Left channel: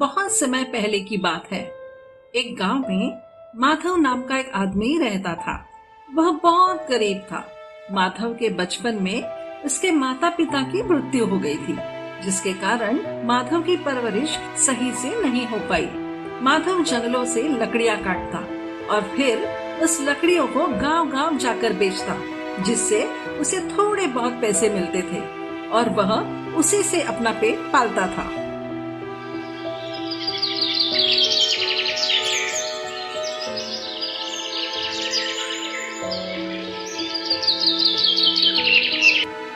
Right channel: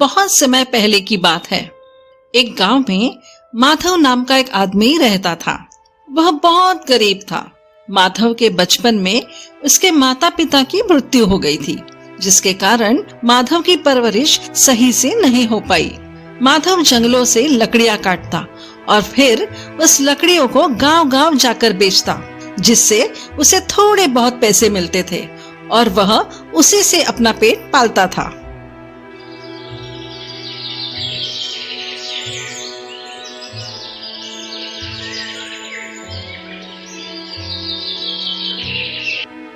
बहुत समय पहले की बात है। एक गांव में माधव नाम का एक आदमी रहता था। वह बहुत गरीब था। माधव के बचपन में उसके माता पिता की मृत्यु हो गई थी, जिसके कारण माधव की परवरिश सही से नहीं हो पाई। माधव जंगलों से लकड़ियां काटता और फिर उस लकड़ियों को गांव-गांव जाकर बेचता, जिससे उसे थोड़े बहुत पैसे मिलते थे और वह उसी से अपना पेट पालता था।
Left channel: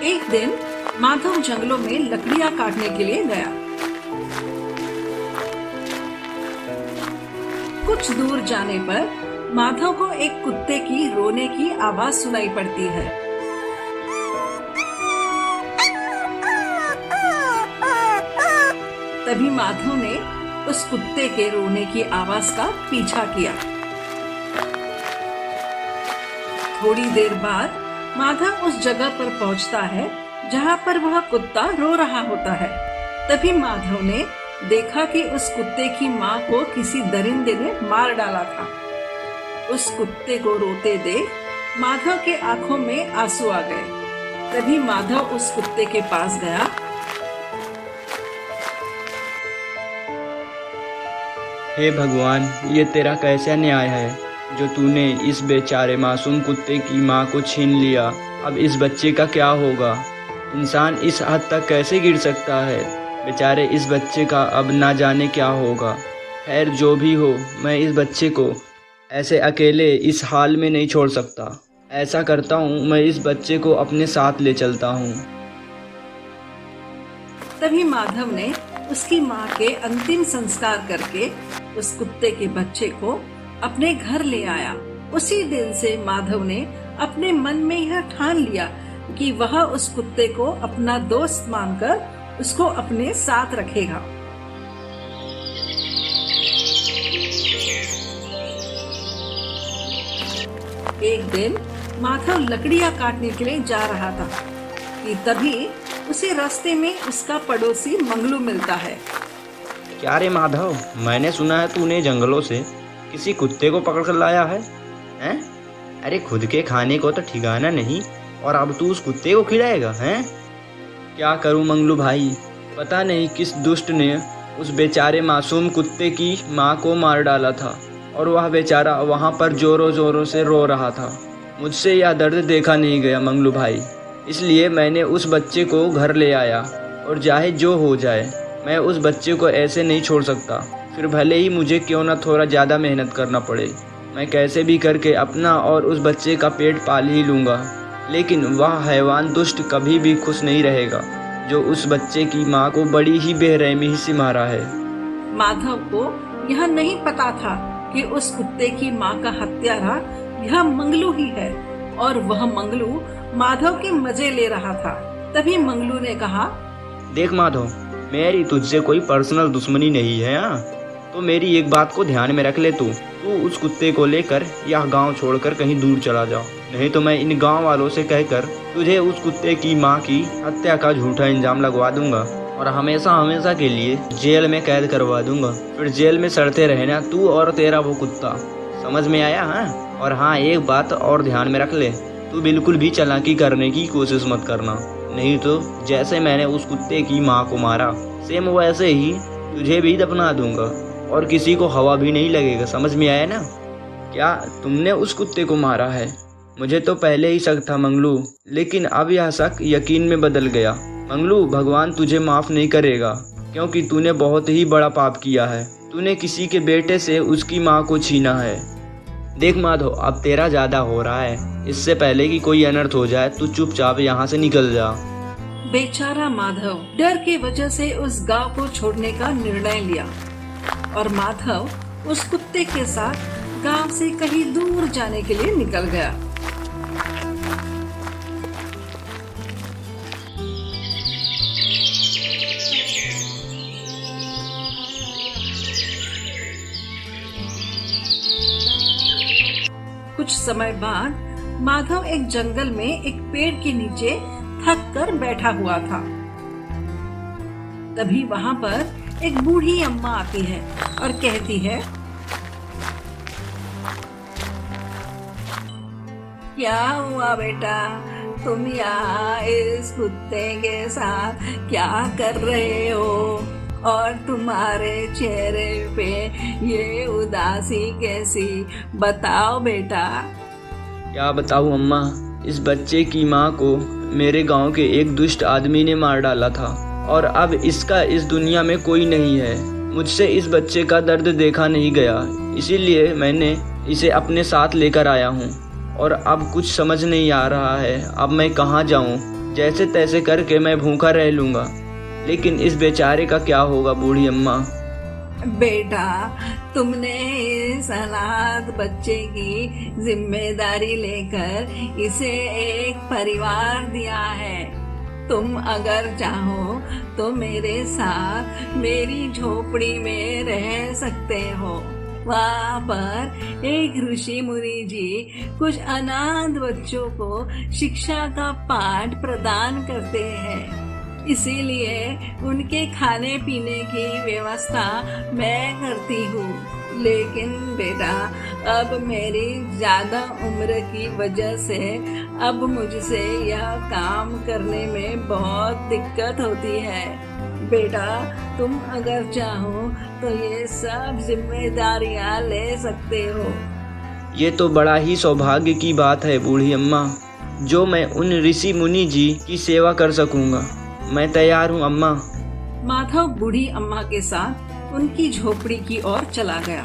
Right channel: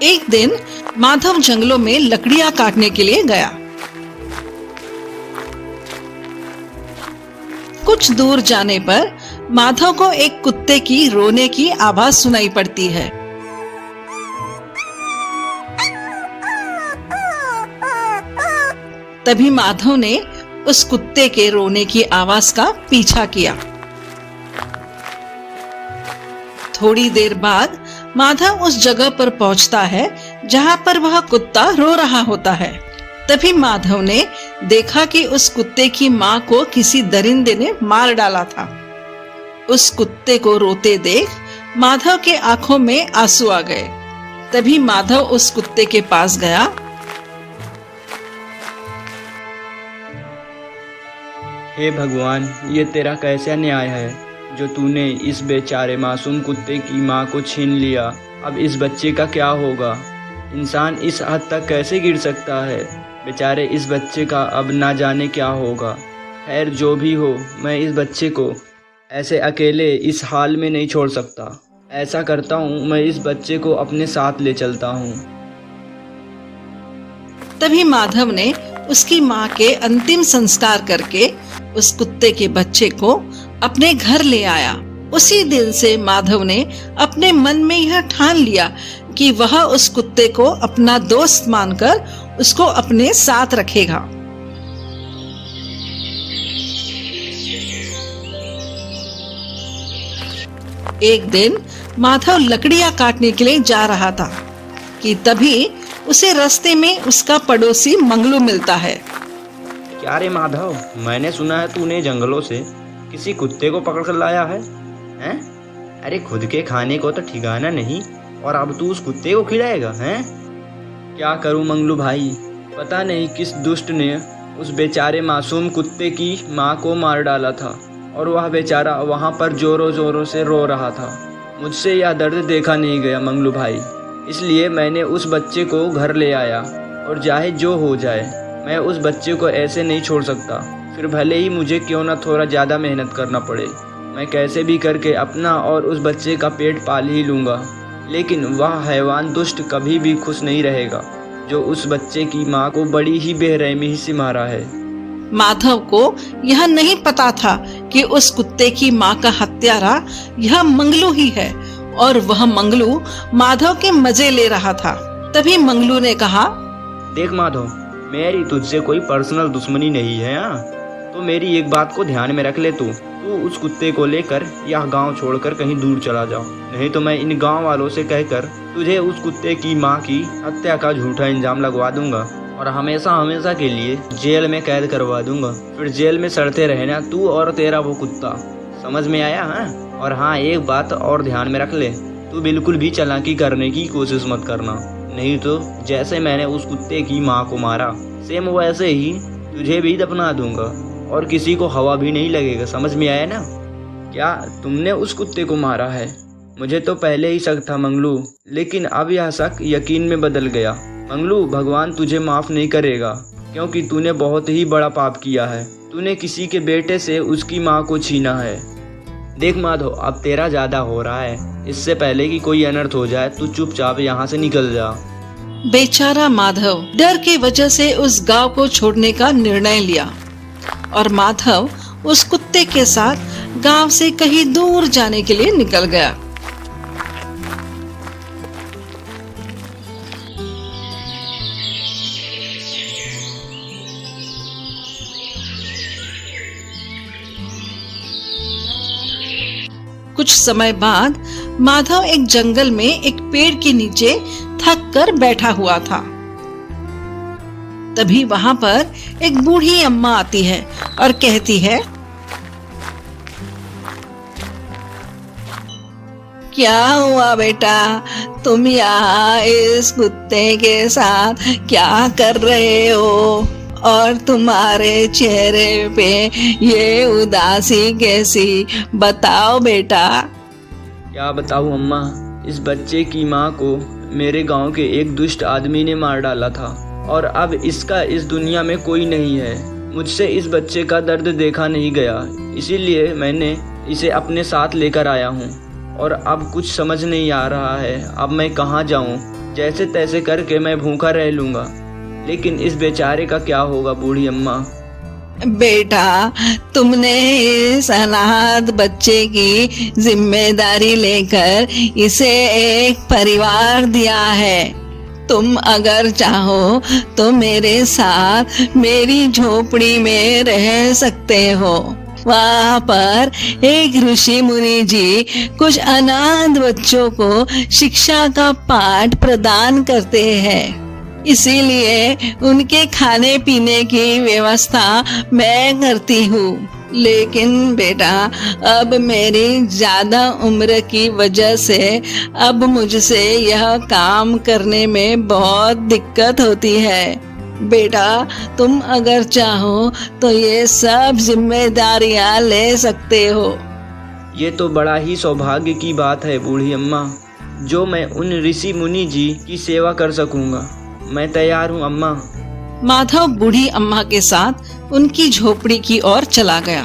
एक दिन माधव जंगलों में लकड़ियां काटने के लिए गया। कुछ दूर जाने पर माधव को एक कुत्ते की रोने की आवाज सुनाई पड़ती है। तभी माधव ने उस कुत्ते के रोने की आवाज का पीछा किया। थोड़ी देर बाद माधव उस जगह पर पहुंचता है जहां पर वह कुत्ता रो रहा होता है। तभी माधव ने देखा कि उस कुत्ते की मां को किसी दरिंदे ने मार डाला था। उस कुत्ते को रोते देख माधव के आंखों में आंसू आ गए। तभी माधव उस कुत्ते के पास गया। हे भगवान, ये तेरा कैसा न्याय है जो तूने इस बेचारे मासूम कुत्ते की माँ को छीन लिया। अब इस बच्चे का क्या होगा? इंसान इस हद तक कैसे गिर सकता है? बेचारे इस बच्चे का अब ना जाने क्या होगा। खैर, जो भी हो, मैं इस बच्चे को ऐसे अकेले इस हाल में नहीं छोड़ सकता। ऐसा करता हूँ, मैं इस बच्चे को अपने साथ ले चलता हूँ। तभी माधव ने उसकी माँ के अंतिम संस्कार करके उस कुत्ते के बच्चे को अपने घर ले आया। उसी दिन से माधव ने अपने मन में यह ठान लिया कि वह उस कुत्ते को अपना दोस्त मानकर उसको अपने साथ रखेगा। एक दिन माधव लकड़ियां काटने के लिए जा रहा था कि तभी उसे रास्ते में उसका पड़ोसी मंगलू मिलता है। क्या रे माधव, मैंने सुना है तूने जंगलों से किसी कुत्ते को पकड़ कर लाया है? हैं? अरे खुद के खाने को तो ठिकाना नहीं और अब तू उस कुत्ते को खिलाएगा? हैं? क्या करूं मंगलू भाई, पता नहीं किस दुष्ट ने उस बेचारे मासूम कुत्ते की माँ को मार डाला था और वह बेचारा वहाँ पर जोरों जोरों से रो रहा था। मुझसे यह दर्द देखा नहीं गया मंगलू भाई, इसलिए मैंने उस बच्चे को घर ले आया और चाहे जो हो जाए मैं उस बच्चे को ऐसे नहीं छोड़ सकता। फिर भले ही मुझे क्यों ना थोड़ा ज़्यादा मेहनत करना पड़े, मैं कैसे भी करके अपना और उस बच्चे का पेट पाल ही लूँगा। लेकिन वह हैवान दुष्ट कभी भी खुश नहीं रहेगा जो उस बच्चे की माँ को बड़ी ही बेरहमी से मारा है। माधव को यह नहीं पता था कि उस कुत्ते की माँ का हत्यारा यह मंगलू ही है और वह मंगलू माधव के मजे ले रहा था। तभी मंगलू ने कहा, देख माधव, मेरी तुझसे कोई पर्सनल दुश्मनी नहीं है, तो मेरी एक बात को ध्यान में रख ले। तू उस कुत्ते को लेकर यह गांव छोड़कर कहीं दूर चला जाओ, नहीं तो मैं इन गांव वालों से कहकर तुझे उस कुत्ते की माँ की हत्या का झूठा इल्जाम लगवा दूंगा और हमेशा हमेशा के लिए जेल में कैद करवा दूंगा। फिर जेल में सड़ते रहना तू और तेरा वो कुत्ता। समझ में आया? हाँ, और हाँ, एक बात और ध्यान में रख ले, तू बिल्कुल भी चालाकी करने की कोशिश मत करना, नहीं तो जैसे मैंने उस कुत्ते की माँ को मारा सेम वैसे ही तुझे भी दफना दूंगा और किसी को हवा भी नहीं लगेगा। समझ में आया ना? क्या तुमने उस कुत्ते को मारा है? मुझे तो पहले ही शक था मंगलू, लेकिन अब यह शक यकीन में बदल गया। मंगलू, भगवान तुझे माफ़ नहीं करेगा क्योंकि तूने बहुत ही बड़ा पाप किया है। तूने किसी के बेटे से उसकी माँ को छीना है। देख माधव, अब तेरा ज़्यादा हो रहा है। इससे पहले कि कोई अनर्थ हो जाए तू चुपचाप यहाँ से निकल जा। बेचारा माधव डर की वजह से उस गांव को छोड़ने का निर्णय लिया और माधव उस कुत्ते के साथ गांव से कहीं दूर जाने के लिए निकल गया। कुछ समय बाद माधव एक जंगल में एक पेड़ के नीचे थक कर बैठा हुआ था। तभी वहां पर एक बूढ़ी अम्मा आती है और कहती है, क्या हुआ बेटा, तुम यहाँ इस कुत्ते के साथ क्या कर रहे हो? और तुम्हारे चेहरे पे ये उदासी कैसी? बताओ बेटा। क्या बताऊँ अम्मा, इस बच्चे की माँ को मेरे गांव के एक दुष्ट आदमी ने मार डाला था और अब इसका इस दुनिया में कोई नहीं है। मुझसे इस बच्चे का दर्द देखा नहीं गया, इसीलिए मैंने इसे अपने साथ लेकर आया हूँ और अब कुछ समझ नहीं आ रहा है, अब मैं कहाँ जाऊँ? जैसे तैसे करके मैं भूखा रह लूँगा, लेकिन इस बेचारे का क्या होगा बूढ़ी अम्मा? बेटा, तुमने इस अनाथ बच्चे की जिम्मेदारी लेकर इसे एक परिवार दिया है। तुम अगर चाहो तो मेरे साथ मेरी झोपड़ी में रह सकते हो। वहाँ पर एक ऋषि मुनि जी कुछ अनाथ बच्चों को शिक्षा का पाठ प्रदान करते हैं, इसीलिए उनके खाने पीने की व्यवस्था मैं करती हूँ। लेकिन बेटा, अब मेरी ज्यादा उम्र की वजह से अब मुझसे यह काम करने में बहुत दिक्कत होती है। बेटा, तुम अगर चाहो तो ये सब जिम्मेदारियां ले सकते हो। ये तो बड़ा ही सौभाग्य की बात है बूढ़ी अम्मा, जो मैं उन ऋषि मुनि जी की सेवा कर सकूंगा। मैं तैयार हूँ अम्मा। माधव बूढ़ी अम्मा के साथ उनकी झोपड़ी की ओर चला गया।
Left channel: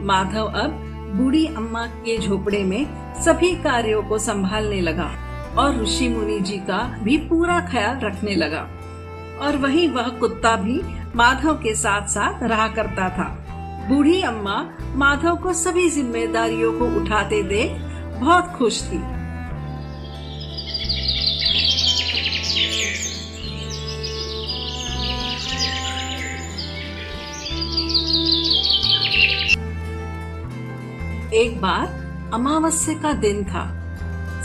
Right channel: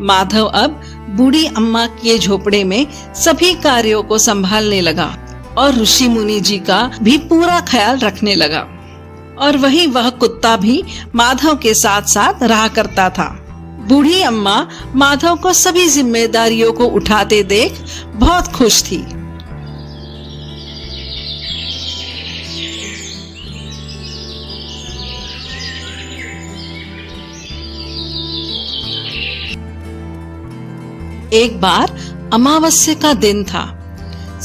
माधव अब बूढ़ी अम्मा के झोपड़े में सभी कार्यों को संभालने लगा और ऋषि मुनि जी का भी पूरा ख्याल रखने लगा। और वहीं वह कुत्ता भी माधव के साथ साथ रहा करता था। बूढ़ी अम्मा माधव को सभी जिम्मेदारियों को उठाते देख बहुत खुश थी। एक बार अमावस्या का दिन था।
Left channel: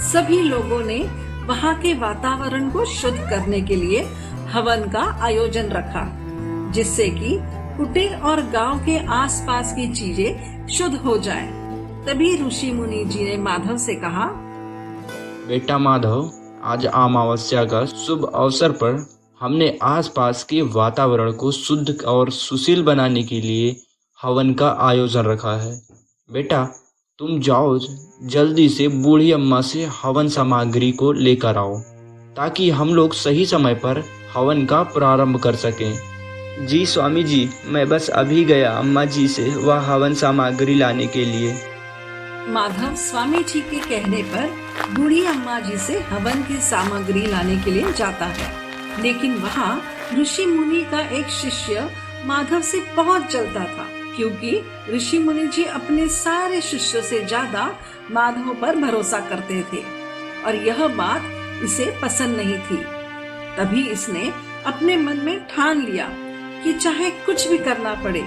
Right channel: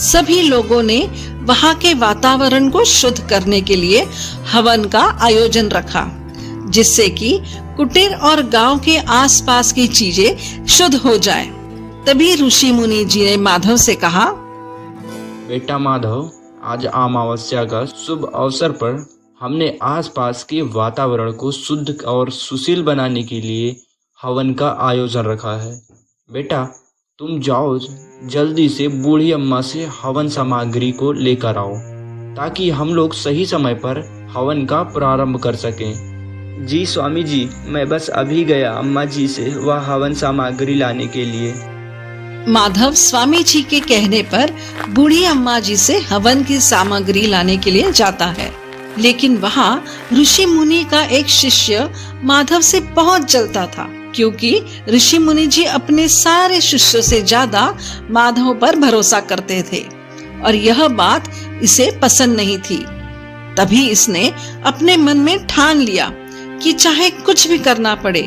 सभी लोगों ने वहां के वातावरण को शुद्ध करने के लिए हवन का आयोजन रखा, जिससे कि कुटीर और गांव के आसपास की चीजें शुद्ध हो जाएं। तभी ऋषि मुनि जी ने माधव से कहा, बेटा माधव, आज अमावस्या का शुभ अवसर पर हमने आसपास के वातावरण को शुद्ध और सुशील बनाने के लिए हवन का आयोजन रखा है। बेटा, तुम जाओ जल्दी से बूढ़ी अम्मा से हवन सामग्री को लेकर आओ, ताकि हम लोग सही समय पर हवन का प्रारंभ कर सकें। जी स्वामी जी, मैं बस अभी गया अम्मा जी से वह हवन सामग्री लाने के लिए। माधव स्वामी जी के कहने पर बूढ़ी अम्मा जी से हवन की सामग्री लाने के लिए जाता है, लेकिन वहाँ ऋषि मुनि का एक शिष्य माधव से बहुत जलता था, क्योंकि ऋषि मुनि जी अपने सारे शिष्यों से ज्यादा माधव पर भरोसा करते थे और यह बात इसे पसंद नहीं थी। तभी इसने अपने मन में ठान लिया कि चाहे कुछ भी करना पड़े,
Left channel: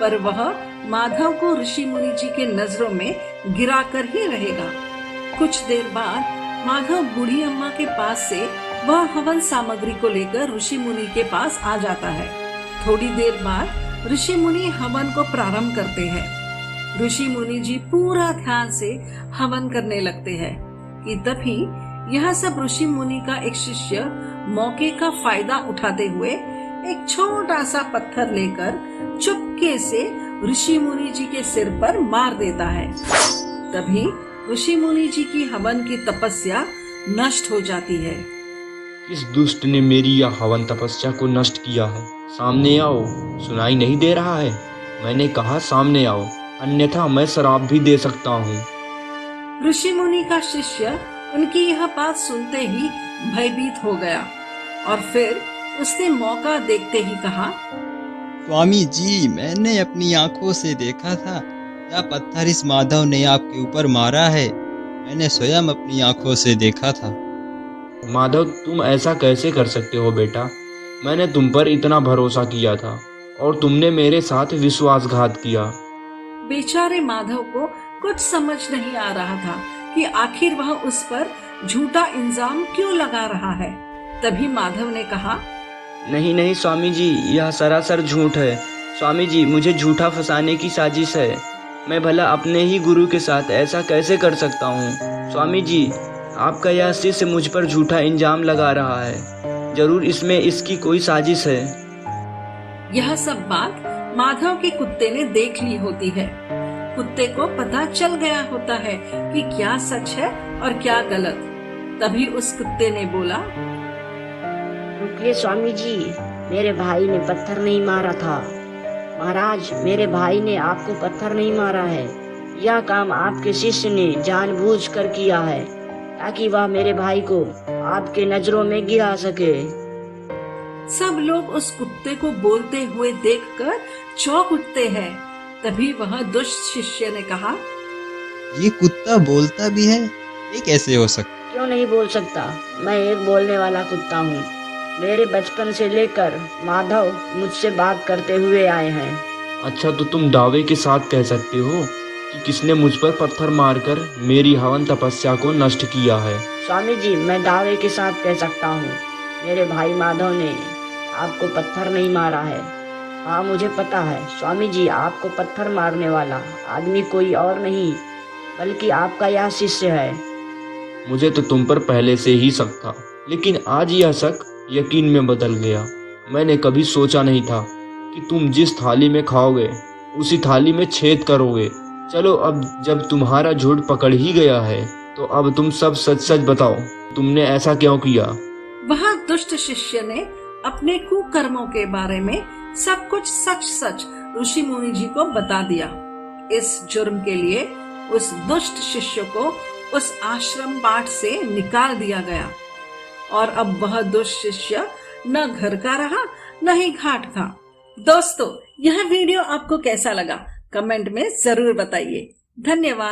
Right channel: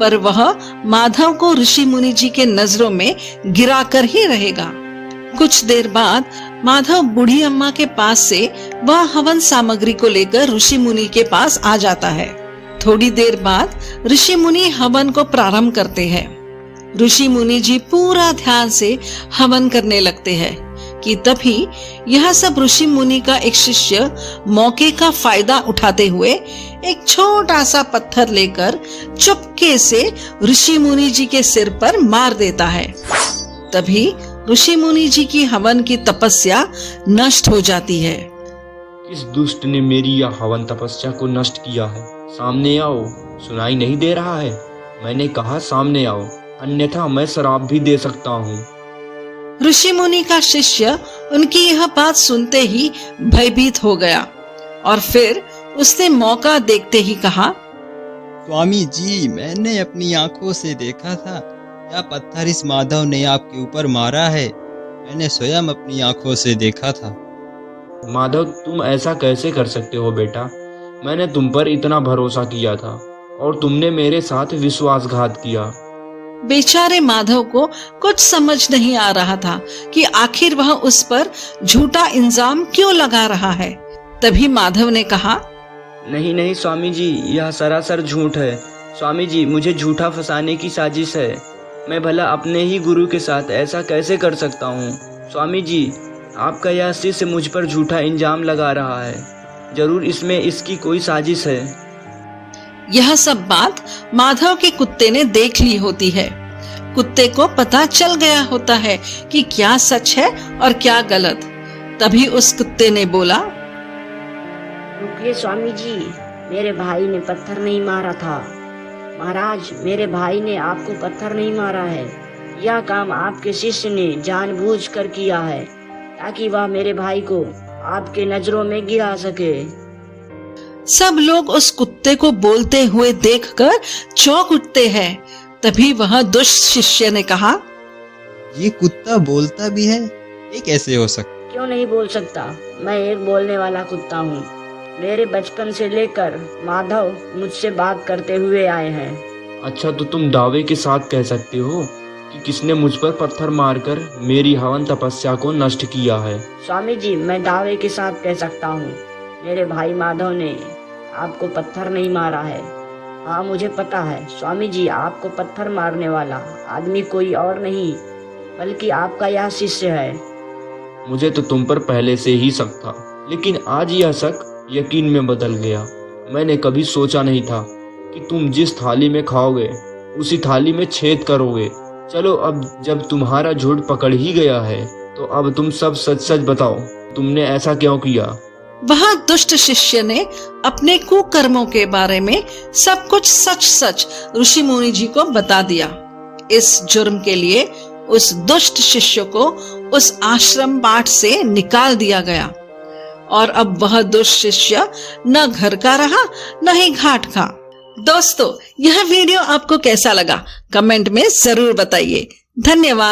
पर वह माधव को ऋषि मुनि जी के नजरों में गिरा कर ही रहेगा। कुछ देर बाद माधव बूढ़ी अम्मा के पास से वह हवन सामग्री को लेकर ऋषि मुनि के पास आ जाता है। थोड़ी देर बाद ऋषि मुनि हवन को प्रारंभ करते हैं। ऋषि मुनि जी पूरा ध्यान से हवन करने लगते हैं कि तभी यह सब ऋषि मुनि का एक शिष्य मौके का फायदा उठाते हुए एक छोटा सा पत्थर लेकर चुपके से ऋषि मुनि जी के सिर पर मार देता है। तभी ऋषि मुनि जी की हवन की तपस्या नष्ट हो जाती है। किस दुष्ट ने मेरी यह हवन तपस्या को नष्ट किया है? सामने आओ। सुनाई नहीं दे रहा है? मैंने कहा सामने आओ, अन्यथा मैं श्राप भी दे सकता हूँ। ऋषि मुनि का शिष्य उनकी यह बात सुनते ही भयभीत हो गया और फिर उसने मौका देखते ही कहा, स्वामी जी, मैंने अपनी आंखों से देखा था, यह पत्थर इस माधव ने आपके ऊपर मारा है। मैंने स्वयं अपनी आंखों से देखा था। माधव, तुम ऐसा कैसे कर सकते हो बेटा? मैंने तुम पर इतना भरोसा किया था और तुमने मेरे साथ विश्वासघात किया। बेचारे माधव को कुछ समझ नहीं आ रहा था कि आखिर वह उस पर झूठा इल्जाम क्यों लगा रहा है। तभी माधव ने कहा, नहीं नहीं स्वामी जी, यह सरासर झूठ है। स्वामी जी, मुझे झूठा फंसाने की साजिश है। मैं भला अपने ही गुरु के साथ ऐसा कैसे कर सकता हूँ। स्वामी जी, आपका यह शिष्य मुझ पर झूठा इल्जाम लगा रहा है। जरूर इसमें इसकी कोई साजिश है। यह सब बात माधव के कुत्ते ने देख ली होती है। कुत्ते को पता चल गया होता है कि क्या सच है और क्या गलत। तभी उस कुत्ते ने बोला, रुकिए स्वामी जी, मेरे भाई ने पत्थर नहीं मारा था। महाराज, मेरे भाई ने आपको पत्थर नहीं मारा है। यह काम आपके शिष्य ने जानबूझकर किया है ताकि वह मेरे भाई को आपके नजरों में गिरा सके। सब लोग उस कुत्ते को बोलते हुए देखकर चौंक उठते हैं। तभी वह दुष्ट शिष्य ने कहा, ये कुत्ता बोलता भी है, ये कैसे हो सकता? क्यों नहीं बोल सकता? मैं एक बोलने वाला कुत्ता हूँ। मेरे बचपन से लेकर माधव मुझसे बात करते हुए आए हैं। अच्छा, तो तुम दावे के साथ कह सकते हो कि किसने मुझ पर पत्थर मारकर मेरी हवन तपस्या को नष्ट किया है? स्वामी जी, मैं दावे के साथ कह सकता हूँ, मेरे भाई माधव ने आपको पत्थर नहीं मारा है। हाँ, मुझे पता है स्वामी जी, आपको पत्थर मारने वाला आदमी कोई और नहीं बल्कि आपका यह शिष्य है। मुझे तो तुम पर पहले से ही शक था, लेकिन आज यह शक यकीन में बदल गया। मैंने कभी सोचा नहीं था कि तुम जिस थाली में खाओगे उसी थाली में छेद करोगे। चलो, अब जब तुम्हारा झूठ पकड़ ही गया है तो अब तुम सब सच सच बताओ, तुमने ऐसा क्यों किया? वह दुष्ट शिष्य ने अपने कुकर्मों के बारे में सब कुछ सच सच ऋषि मुनि जी को बता दिया। इस जुर्म के लिए उस दुष्ट शिष्य को उस आश्रम पाठ से निकाल दिया गया और अब वह दुष्ट शिष्य न घर का रहा न ही घाट का। दोस्तों, यह वीडियो आपको कैसा लगा कमेंट में जरूर बताइए। धन्यवाद।